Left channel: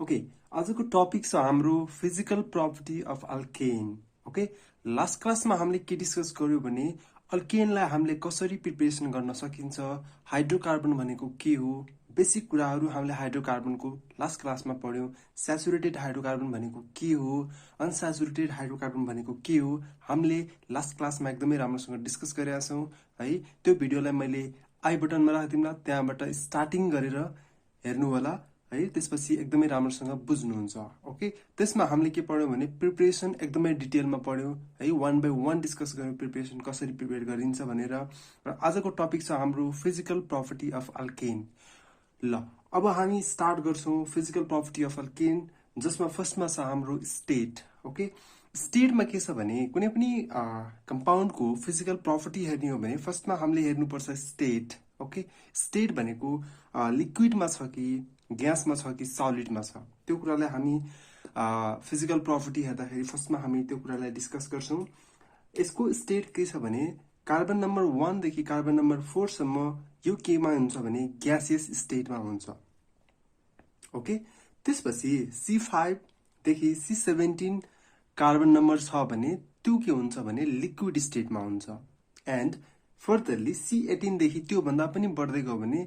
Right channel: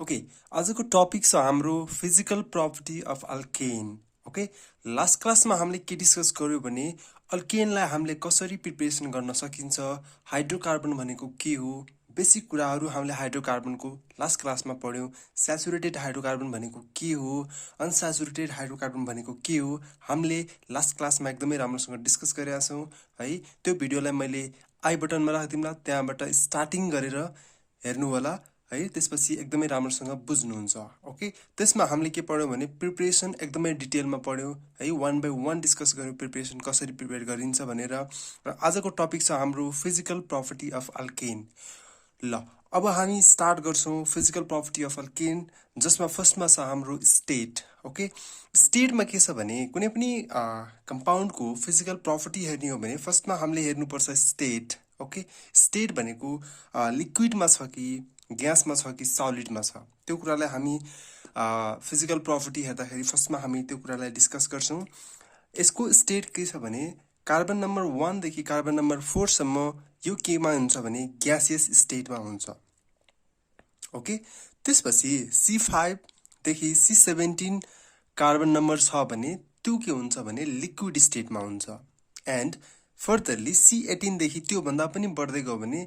Okay आजको topic छ हाम्रो physical property of alkane. Okay last क्लासमा हामीले के डिस्कस गर्यो भने अल्केनलाई हामीले कसरी प्रिपरेसन गर्न सकिन्छ, हाइड्रोकार्बन भनेको के हो, बेसिक कुराहरू हामीले हाइड्रोकार्बनको लास्ट क्लासमा पढ्यौँ। स्याचुरेटेड हाइड्रोकार्बन भनेको के हो, अनस्याचुरेटेड हाइड्रोकार्बन भनेको के हो, हामीले लास्ट क्लासमा एकदमै राम्रोसँग डिस्कस गरेका छौँ है। त्यो भिडियोलाई मैले आई बटनमा राखिदिउँला, त्यहाँबाट स्टार्टिङ गरेर हेर्नु होला है, त्यसपछि एकदमै राम्रोसँग बुझ्नुहुन्छ। ओके त्यसमा हामीले के पढ्यौँ भने प्रिपरेसन एकदमै डिटेलमा पढ्यौँ है, वान बाई वान डिस्कस गऱ्यौँ प्रिपरेसन कसरी प्रिपेयर गरिन्छ भनेर। र आजको टपिक छ हाम्रो फिजिकल प्रपर्टी अफ अल्केन। ल अब हामी स्टार्ट गर्छौँ फिजिकल प्रपर्टी अफ अल्केन, जसमा फर्स्टमा छ हाम्रो स्टेट। ओके स्टेटमा के छ भने कुनै पनि कम्पाउन्डको फिजिकल प्रपर्टी हेर्ने हो भने फर्स्टमा हामीले हेर्नुपर्छ स्टेट। ओके स्टेट भनेको लिक्विडमा छ कि ग्यासमा छ कि सलिडमा छ, त्यो कुरालाई हामी फिजिकल प्रपर्टी हेर्दाखेरि फर्स्टमा हामी त्यो कुरालाई डिस्कस गर्छौँ। यसको स्टेट के छ भने कार्बन नम्बर 1 देखि कार्बन नम्बर 4 सम्म यो केमा हुन्छ भने ग्यासियस स्टेटमा हुन्छ। ओके त्यसपछि C5 देखि C17 कार्बन नम्बर छ भने त्यो के हुन्छ भने लिक्विड स्टेटमा हुन्छ। एन्ड फर्दरली C18 देखि त्योभन्दा पनि बढ्दै गयो भने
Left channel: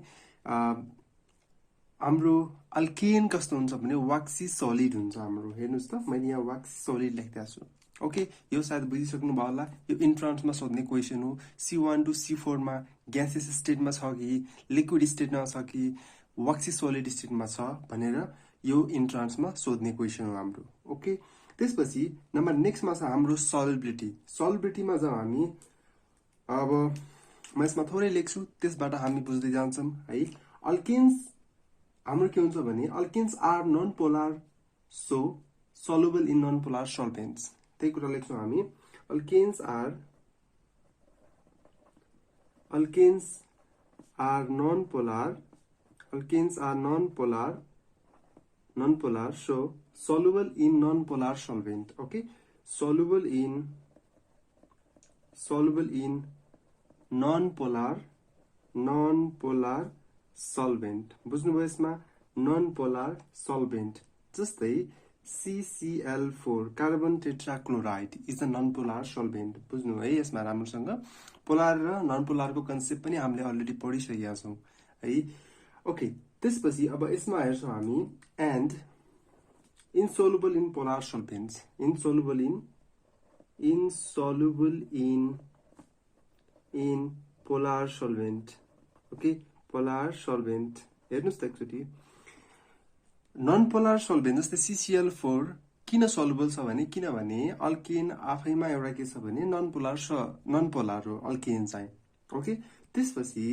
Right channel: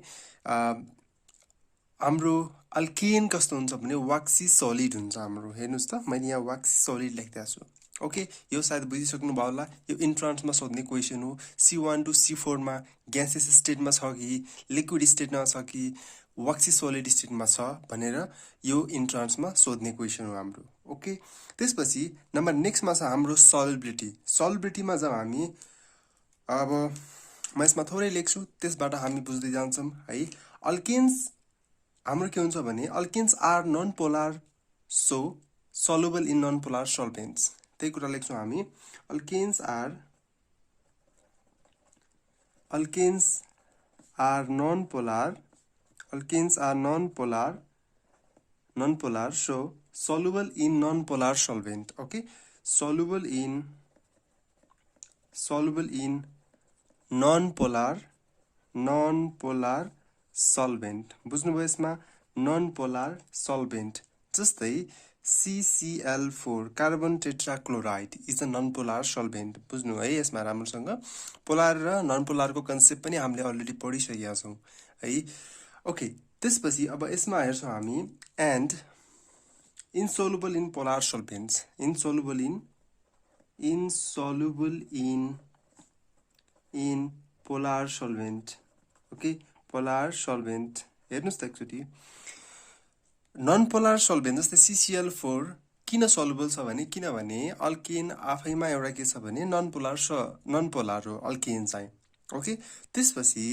हाम्रो अल्केन कस्तो हुन्छ भने वाक्सी सलिड हुन्छ हाम्रो। हेर्नुहोस् त मैले यहाँ वाक्सी सलिड लेख्दै छु। ओके यो सायद बुझिसक्नु भयो होला, यो इन्ट्रान्समा सोध्ने क्वेसन हो। C1 टु C4 मा ग्यासेस स्टेटमा छ कि लिक्विड स्टेटमा छ कि वाक्सी सलिड स्टेटमा छ भनेर यो इन्ट्रान्समा सोध्ने क्वेसन हो हाम्रो। ओके त्यसपछि नम्बर नेक्स्टमा छ हाम्रो सल्युबिलिटी। सल्युबिलिटीमा जब हामी अब म यसमा थोरै लेख्छु, त्यसबाट हामी बुझ्दै जान्छौँ है। अल्केन्स हाम्रो के हुन्छ भने alkanes are non polar so soluble in non polar solvents, त्यही कुरा लेख्छौँ हामी। Alkanes are non polar so soluble in non polar solvent. Okay soluble in non polar solvent. बुझ्नुभयो यसमा नन पोलार सल्भेन्ट, जस्तै CCl4 carbon tetrachloride is a non polar solvent. बुझ्नु है यसमा राम्रोसँग, पोलार र नन पोलारको कन्सेप्ट पनि हामीले अलरेडी पढिसकेका छौँ है। ओके त्यसपछि अब यसमा हेर्छौँ हामी and insoluble in polar solvents. Insoluble in polar solvent. Okay polar solvent हेर्नुहोस् त एकचोटि, नन पोलार सल्भेन्ट जस्तै CCl4 किन सल्युबल छ भने किनभने अल्केन आफैमा एउटा के छ भने नन पोलार हो अल्केन चाहिँ। ओके त्यसपछि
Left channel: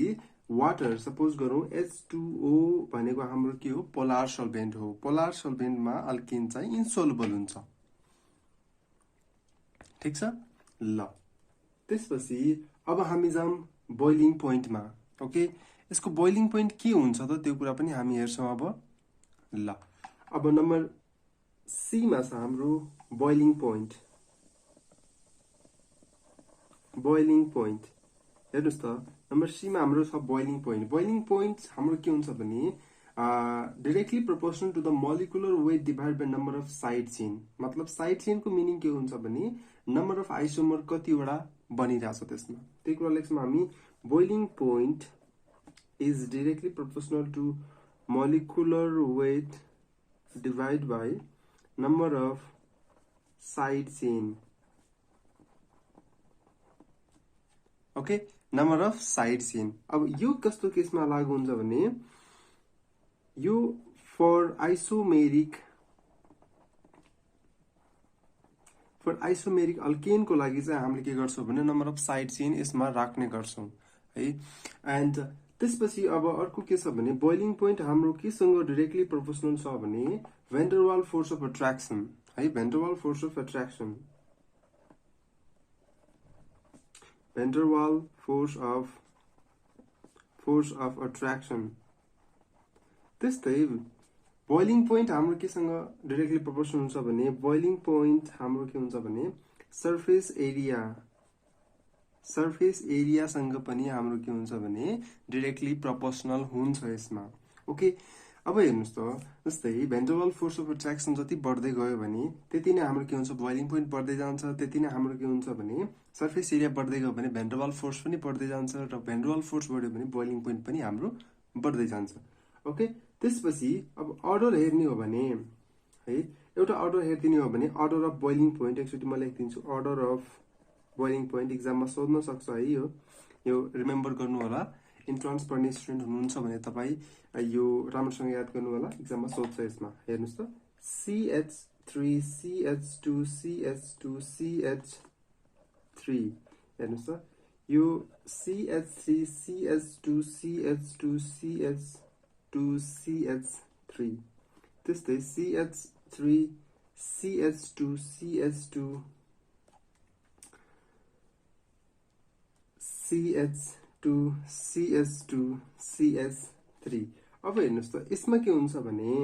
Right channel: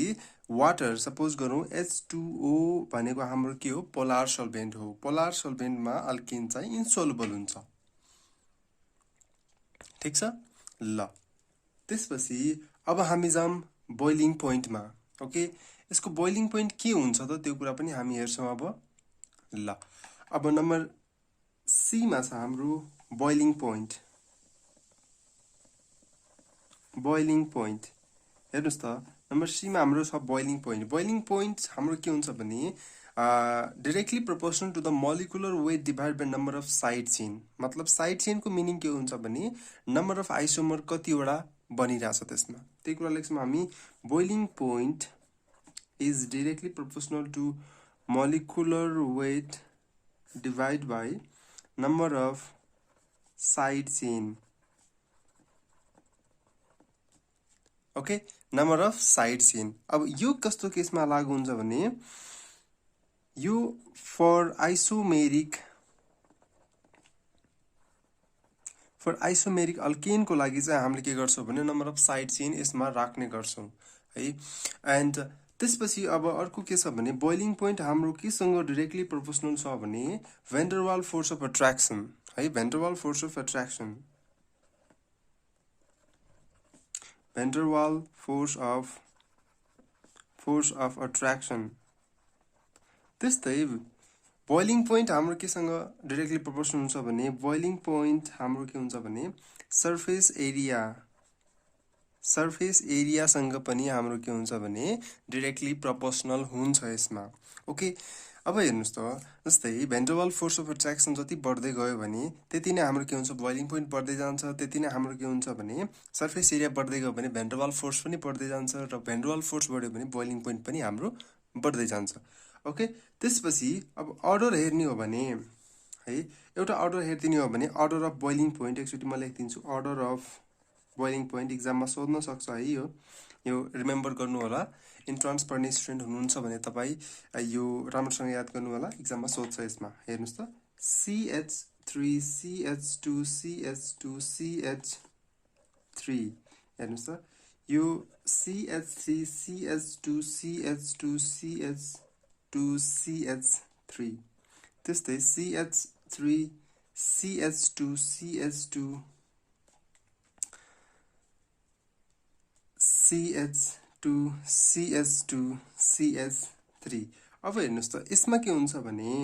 वाटर सपोज गरौँ H2O भनेको हाम्रो के हो पोलार सल्भेन्ट हो। पोलार सल्भेन्टमा अल्केन चाहिँ इन्सोलुबल हुन्छ, ठिक छ। ल त्यसपछि अब हामी जाउँ बोइलिङ पोइन्टमा। ओके यसको बोइलिङ पोइन्ट के हुन्छ त त्यो कुरा पनि हामी हेर्छौँ अब। ल अब नम्बर सीमा छ हाम्रो बोइलिङ पोइन्ट। हेर्नुहोस् त नम्बर सीमा हाम्रो छ बोइलिङ पोइन्ट। बोइलिङ पोइन्ट हाम्रो के हुन्छ भने directly proportional to the molecular weight divide by number of side chain. मतलब साइड चेनको मिनिङ के हुन्छ भने नम्बर अफ आइसोमर कतिवटा बनिरहेछ त्यसमा, त्यही कुरा लेख्छौँ हामी। Boiling point is directly proportional to molecular weight divided by number of side chain. Okay number of side chain. अब यो कस्तो केसमा लागु हुन्छ भने यो फर आइसोमेरिक अल्केनको लागि चाहिँ हामीले के गर्छौँ भने नम्बर अफ साइड चेन यसमा राख्ने गर्छौँ है। एन्ड त्यसपछि अब अर्को के छ भने बोइलिङ पोइन्ट हाम्रो केसँग डाइरेक्टली प्रोपोर्सनल छ भने भ्यान डर वाल फोर्स अफ एट्र्याक्सन है। भ्यान डर वाल फोर्स अफ एट्र्याक्सन त्यस्तै बोइलिङ पोइन्ट हाम्रो केसँग डाइरेक्टली प्रोपोर्सनल हुन्छ भने बोइलिङ पोइन्ट हाम्रो के हुन्छ भने सर्फेस एरियासँग पनि हाम्रो के हुन्छ भने डाइरेक्टली प्रोपोर्सनल हुन्छ यसमा। ओके अब हेर्नुस् त जस्तै भेन्ड्रवाल फोर्स अफ एट्र्याक्सन जति बढ्दै गयो भने त्यति नै हाम्रो के हुन्छ बोइलिङ पोइन्ट बढ्दै जान्छ, त्यति नै हाम्रो के हुन्छ भने सर्फेस एरिया बढ्दै गयो भने भेन्ड्रवाल फोर्स पनि बढ्दै जान्छ र भेन्ड्रवाल फोर्स बढ्यो भने बोइलिङ पोइन्ट पनि हाम्रो बढ्दै जान्छ। ओके, त्यसपछि अब अर्डर हेर्ने हो भने है, एउटा अर्डर हेरिदिने हो भने अर्डर अफ बोइलिङ पोइन्ट एकचोटि म लेखिदिन्छु। अर्डर अफ बोइलिङ पोइन्ट इक्जाममा सोध्न सक्छ है, यो रिमेम्बर गर्नु होला। इन्ट्रान्स पढ्ने स्टुडेन्ट हुनुहुन्छ भने तपाईँ यो राम्रोसँग याद गर्नु होला, इक्जाममा सोध्छ यसमा। हेर्नुहोस् त CH3 CH2 CH2 CH3 हेर्नुहोस् त यो CH3 CH2 CH2 CH2 CH3 त्यस्तै CH3 CH2 CH2 CH2 CH2 CH3। अब हेर्नुहोस् त यसमा के हुन्छ भने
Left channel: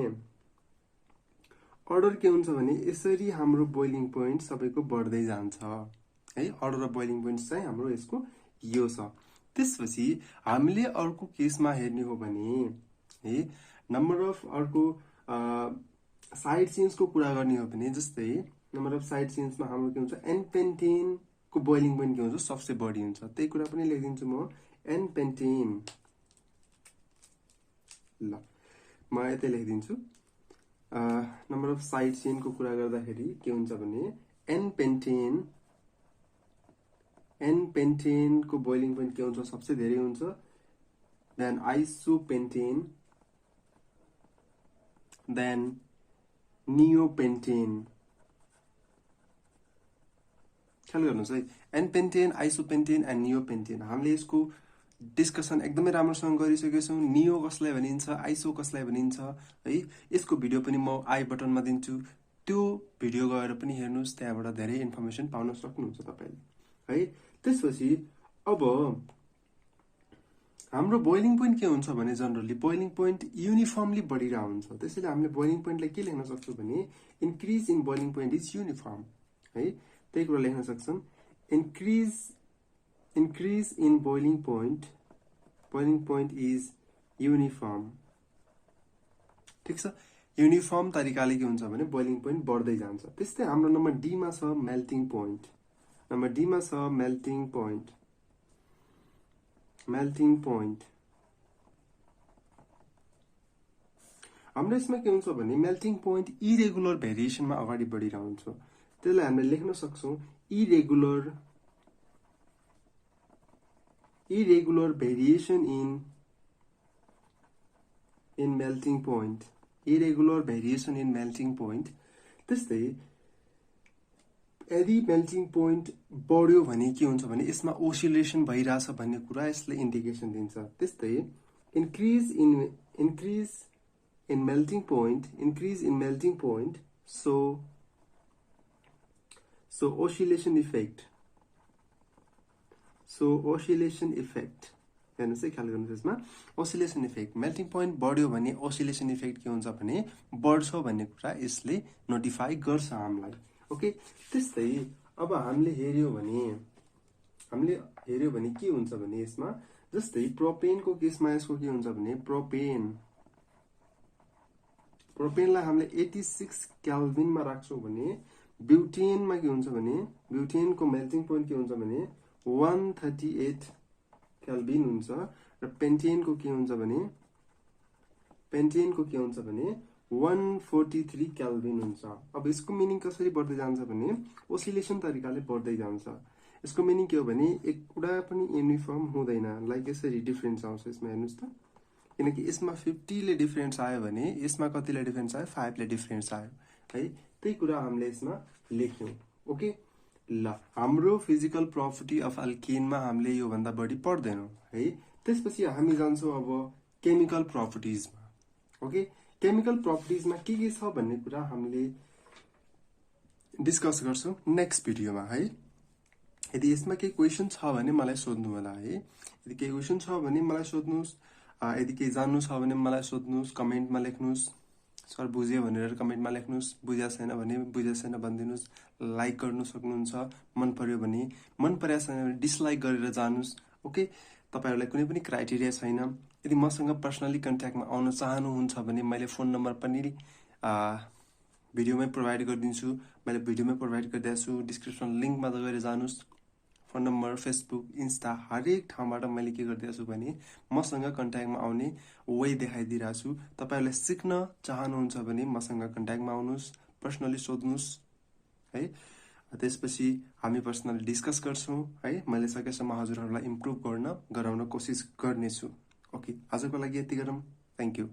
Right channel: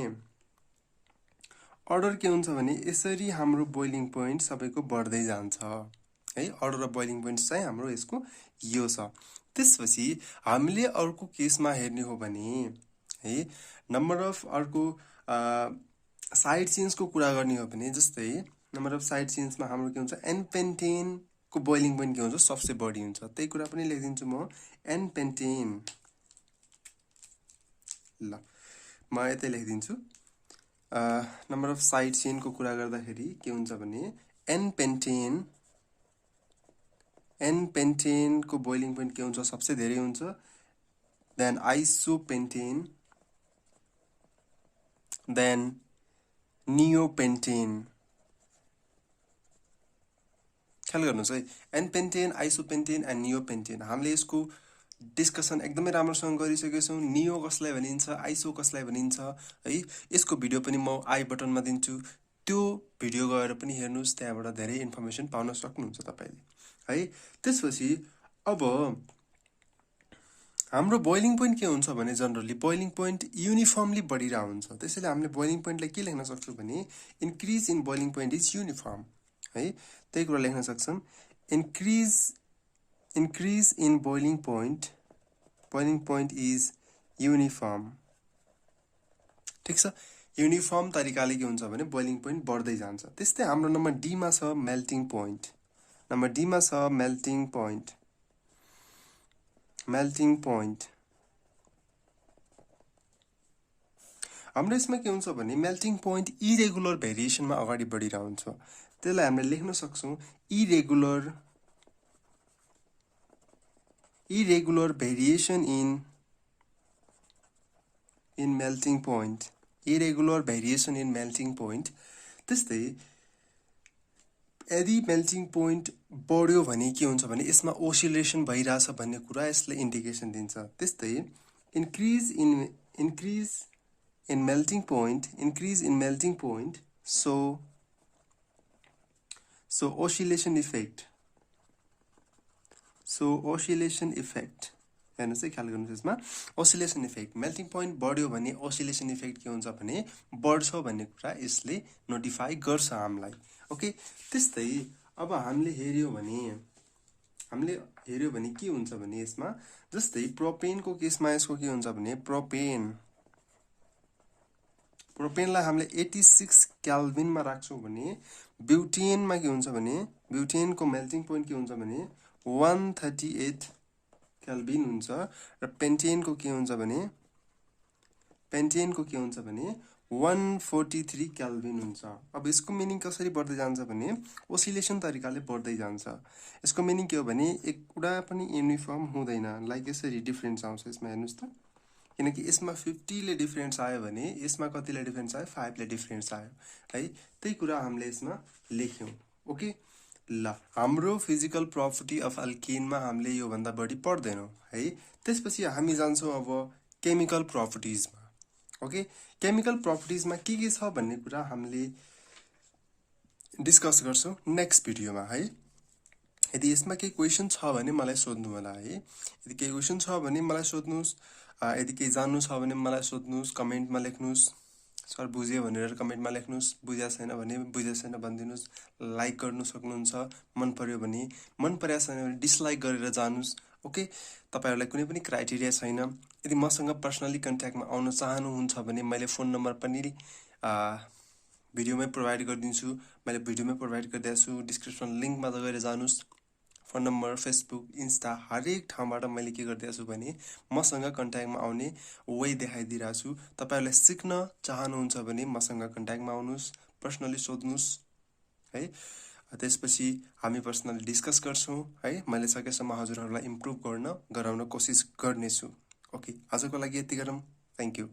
अर्डर के हुन्छ भने यसरी हाम्रो बोइलिङ पोइन्ट सबैको बढ्दै जान्छ है। अर्डर अफ बोइलिङ पोइन्ट चाहिँ हाम्रो यसको यो छ। त्यसपछि हामीले अर्को केसमा हेर्ने हो भने है, नम्बर अफ अर्को साइड चेन्जको कुरा गर्ने हो भने जस्तै नम्बर अफ साइड चेन्जमा हाम्रो के हुन्छ एन पेन्टेन को बोइलिङ पोइन्ट के हुन्छ सबसे बढी हुन्छ। त्यही कुरा पनि लेखिदिन्छु म, एन पेन्टेन। ल म यतै लेखिदिन्छु। नम्बर अफ साइड चेनको कुरा गर्दाखेरि के हुन्छ भने एन पेन्टेन को बोइलिङ पोइन्ट के हुन्छ सबसे धेरै हुन्छ, देन आइसोपेन्टेन, देन नियोपेन्टेन। ख्याल गर्नुहोस् है, एन पेन्टेन, आइसोपेन्टेन एन्ड नियोपेन्टेन। हामीले यसको डिस्कसन एकदमै राम्रोसँग गरिसकेका छौँ। नियो कसलाई भनिन्छ, आइसो कसलाई भनिन्छ है, यसको भिडियो पनि म आई बटनमा दिन्छु, त्यो भिडियो गएर पनि हेर्नुहोस्, त्यहाँबाट धेरै इन्फर्मेसन पाउन सक्नुहुन्छ तपाईँले है। त्यसपछि अब हाम्रो बोइलिङ पोइन्ट के हुन्छ भने जनरली बोइलिङ पोइन्ट युनिफर्मली बढिरहेको हुन्छ। त्यसैले हामीले बोइलिङ पोइन्टलाई के लेख्न सक्छौँ भने increase in boiling point is uniform है। त्यही कुरा लेख्न सक्छौँ, increase in boiling point is uniform. ठिक छ, युनिफर्म तरिकाले के हुन्छ भने बोइलिङ पोइन्ट बढ्दै जान्छ। त्यस्तै हाम्रो नम्बर डीमा छ मेल्टिङ पोइन्ट। नम्बर डीमा छ मेल्टिङ पोइन्ट। हाम्रो यसमा के हुन्छ भने मेल्टिङ पोइन्ट इरेगुलर भेरिएसनमा अगाडि बढिरहेको हुन्छ। त्यसलाई हामीले लेख्न सक्छौँ irregular variation in melting point. Irregular variation in melting point. त्यस्तै यदि मेल्टिङ पोइन्ट बढ्यो भने के हुन्छ भने यसमा ओसिलेसन भइरहेछ भन्ने कुरा यसले इन्डिकेसन दिन्छ। त्यस्तै increase in melting point so oscillation effect हेर्नुहोस् है, ख्याल गर्नुहोस् यसमा ओसिलेसन इफेक्ट। मेल्टिङ पोइन्ट बढ्यो भने ओसिलेसन इफेक्ट के हुन्छ भने बढ्छ भन्ने कुरा यसले नोटिफाई गर्छ हामीलाई। ओके, त्यस्तै अब हामीले हेर्यो भने के हुन्छ भने यसमा जस्तै प्रोपेनको केसमा यसको के हुन्छ भने प्रोपेनलाई हामीले 86 केल्भिनमा राख्छौँ भने ब्युटेनमा के हुन्छ भने ब्युटेनको मेल्टिङ पोइन्ट के हुन्छ भने 138 केल्भिन हुन्छ र पेन्टेनको के हुन्छ भने 143 केल्भिन हुन्छ। अब यसको मिनिङ कसरी बढ्दै जान्छ भने ओसिलेसन तरिकाले बढ्दै जान्छ। यसको मिनिङ के हो भने एक कुरा पनि युनिफर्म हुँदैन, लाइक यसरी डिफरेन्स आउँछ यसमा। हेर्नुहोस् त, किनकि यसमा 50 ले डिफरेन्स आयो भने यसमा कतिले डिफरेन्स आयो 5 ले डिफरेन्स आयो है। त्यही कुरा हामीले यसमा लेख्यौँ। ओके, ल हाम्रो फिजिकल प्रपर्टी अफ अल्केनमा हामीले योभन्दा बढी पढ्दैनौँ है। त्यसपछि हामी जान्छौँ अब केमिकल प्रपर्टिजमा। ओके, केमिकल प्रपर्टिजमा के छ भन्ने कुरा हामीले डिस्कस गर्छौँ नेक्स्ट भिडियोमा है। यदि यसमा केही क्वेसन छ भने मलाई सोध्नु होला है। यदि केही क्वेसन छ भने मलाई सोध्नुहोस्, यदि केही जान्नु छ भने मलाई सोध्नुहोस्, कमेन्टमा लेख्नुहोस्। सर बुझ्यो भनेर कमेन्टमा लेख्नुहोस्, बुझेको छैन भने बुझेको छैन भनिदिनुहोस्। लाइक गर्नु सक्नुहुन्छ, मन पर्यो भने मन परेको छैन भने डिसलाइक गरेर जानुहोस्। ओके, तपाईँहरूलाई कुनै पनि क्राइटेरिया छैन। यदि मसँग पर्सनली कन्ट्याक्टमा आउन चाहनुहुन्छ भने मैले फोन नम्बर पनि भिडियोमै प्रोभाइड गरिदिन्छु। मैले भिडियोमै प्रोभाइड गरिदिएको छु। डिस्क्रिप्सन लिङ्कमा गएर जानुहोस्। फोन नम्बर, फेसबुक, इन्स्टा हरेक ठाउँबाट मैले के गरिदिएको छु भने मसँग कन्ट्याक्टमा आउने वे देखाइदिइरहेको छु। तपाईँहरूले सिक्न चाहनुहुन्छ भने मसँग कन्ट्याक्टमा आउनुहोस्, पर्सनली सोध्नुहोस् है। त्यसपछि हामी पर्सनली डिस्कस गर्छौँ है। मैले सकेसम्म हजुरहरूलाई इम्प्रुभ गराउन कोसिस गर्नेछु। ओके, आजको लागि यति गरौँ। Thank you.